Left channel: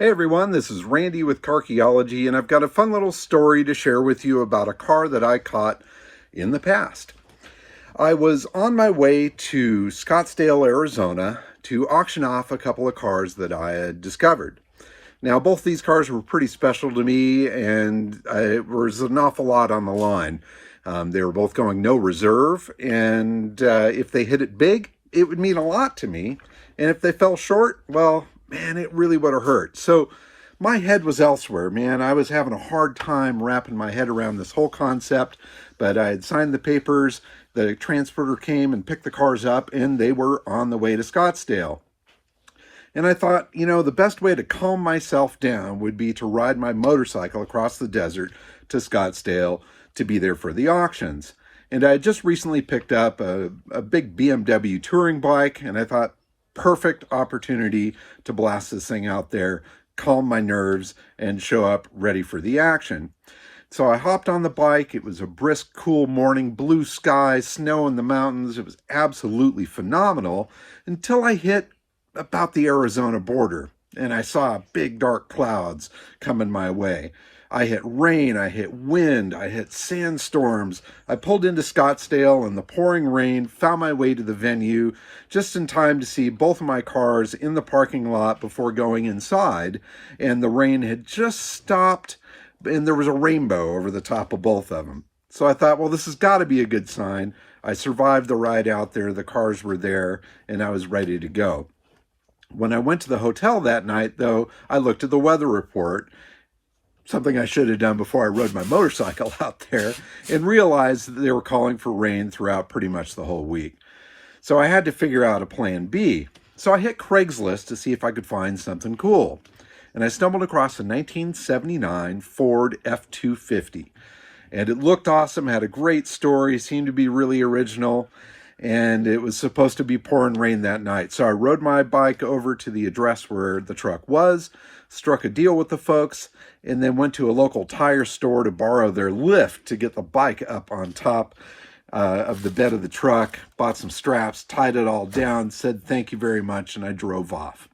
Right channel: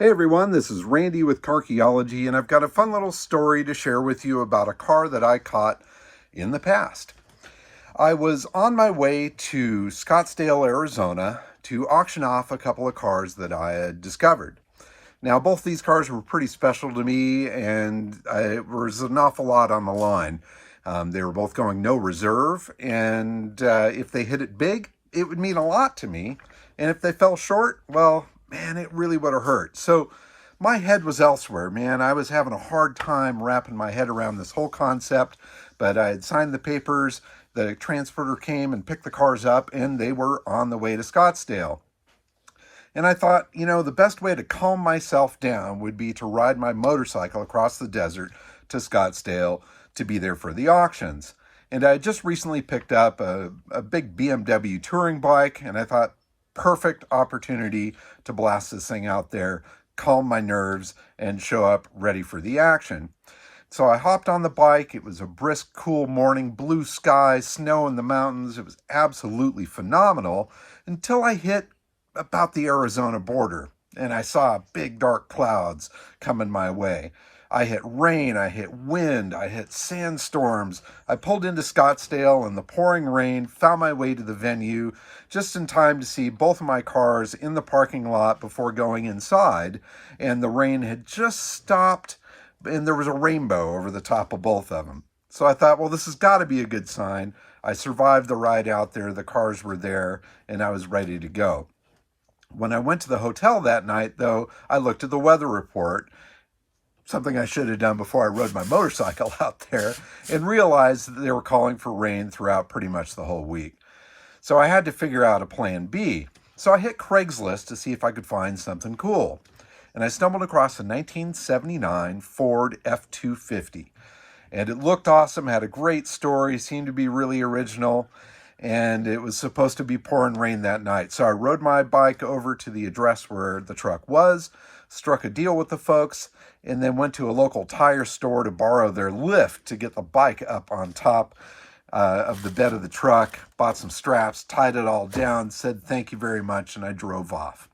Hey everyone, this is Randy with Carchaeology, and I've got a fun little story to share with you about a car that I caught in the past. I was on my way to Scottsdale, Arizona to auction off a couple of cars that I had discovered. Now, both these cars were pretty special to me, and it was an awful lot on the line. They were both going no reserve, and if they hit it big, it would mean a lot to me. And if they fell short, well, man, it really would have hurt. So my head was elsewhere, man. I was having a hard time wrapping my head around this whole concept, but I had signed the papers. The transporter came and picked the cars up, and they were on the way to Scottsdale. And I thought, you know, the best way to calm myself down would be to ride my motorcycle across the desert to Scottsdale to be there for the auctions. And I had just recently picked up a big BMW touring bike, and I thought, perfect opportunity to blast this thing out there, calm my nerves, and show up ready for the action. So I hopped on the bike. It was a brisk, cool morning, blue sky, snow in the mountains. It was absolutely phenomenal until I hit about the Arizona border, and I saw big dark clouds coming my way. I hit rain, I hit wind, I hit sandstorms. I pulled into Scottsdale in the pouring rain, found my way to the venue just in time to see both of my cars in the parking lot before going inside, and the rain had just stopped, and there was a rainbow over the top of both of them. So I thought, well, this has got to be a good sign. I survived the ride out there, the cars were there, and I was ready to go. When I went to the hotel that night, though, I looked at the weather report, something I should have done before I rode my motorcycle out there, and realized that they were calling for rain throughout pretty much the whole week. So I had to figure out a plan B. So I hit Craigslist to see if I could find something cool. And I stumbled across a 1979 Ford F250. And it looked awesome, had a great story, seemed to be really original, and it was supposed to be pouring rain that night. So I rode my bike over to the address where the truck was, struck a deal with the folks, and then went to a local tire store to borrow their lift to get the bike up on top of the bed of the truck, bought some straps, tied it all down, said thank you very much, and I drove off.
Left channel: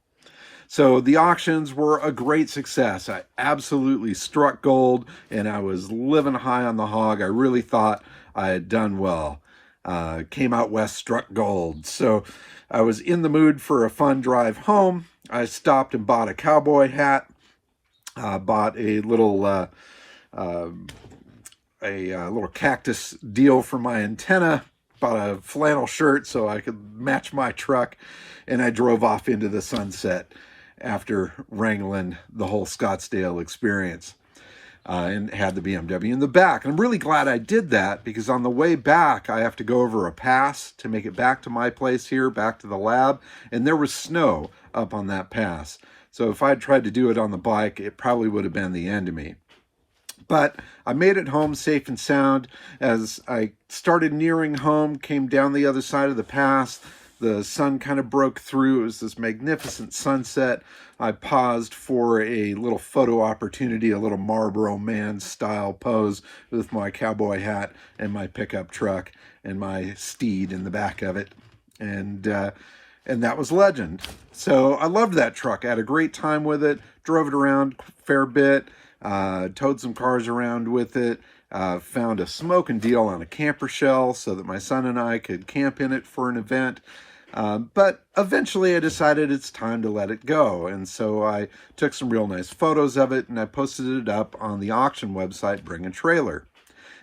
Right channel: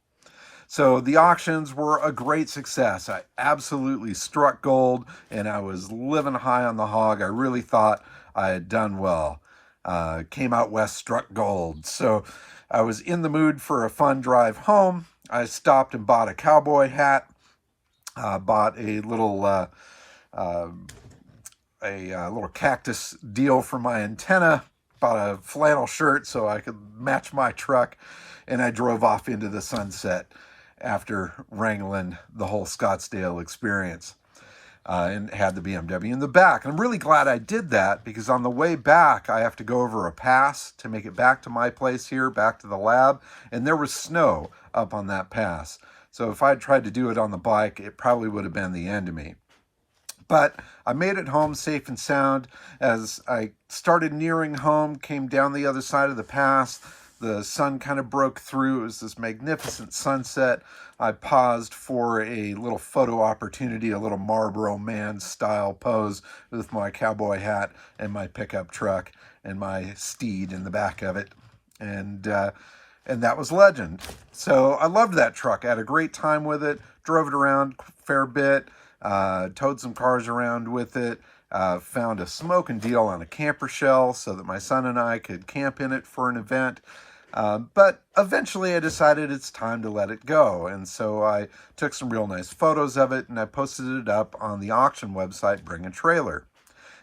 So the auctions were a great success. I absolutely struck gold, and I was living high on the hog. I really thought I had done well. Came out west, struck gold. So I was in the mood for a fun drive home. I stopped and bought a cowboy hat, bought a little cactus deal for my antenna, bought a flannel shirt so I could match my truck, and I drove off into the sunset after wrangling the whole Scottsdale experience. And had the BMW in the back. And I'm really glad I did that, because on the way back, I have to go over a pass to make it back to my place here, back to the lab, and there was snow up on that pass. So if I'd tried to do it on the bike, it probably would have been the end of me. But I made it home safe and sound. As I started nearing home, came down the other side of the pass, the sun kind of broke through. It was this magnificent sunset. I paused for a little photo opportunity, a little Marlboro Man style pose with my cowboy hat and my pickup truck and my steed in the back of it. And that was legend. So I loved that truck. I had a great time with it, drove it around a fair bit, towed some cars around with it, found a smoking deal on a camper shell so that my son and I could camp in it for an event. But eventually I decided it's time to let it go. And so I took some real nice photos of it, and I posted it up on the auction website, Bring a Trailer.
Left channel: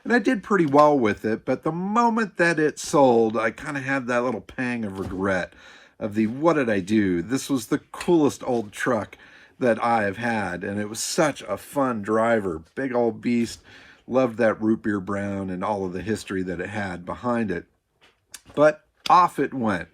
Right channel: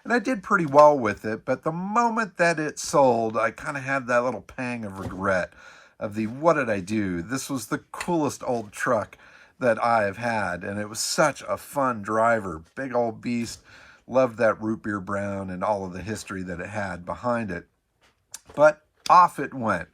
And I did pretty well with it, but the moment that it sold, I kind of had that little pang of regret of what did I do? This was the coolest old truck that I have had, and it was such a fun driver, big old beast. Loved that root beer brown and all of the history that it had behind it. But off it went.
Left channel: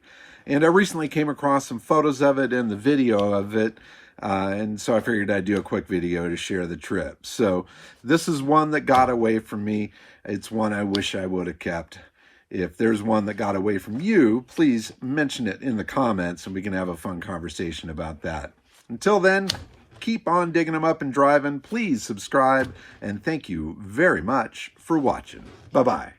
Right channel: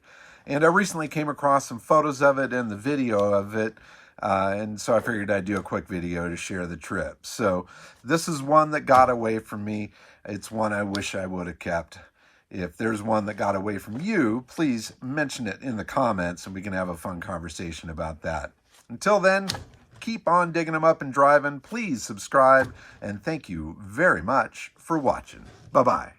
And I recently came across some photos of it and the video of it, and so I figured I'd do a quick video to share the trip. So this is one that got away from me. It's one I wish I would have kept. If there's one that got away from you, please mention it in the comments, and we can have a fun conversation about that. Until then, keep on digging them up and driving. Please subscribe, and thank you very much for watching. Bye-bye.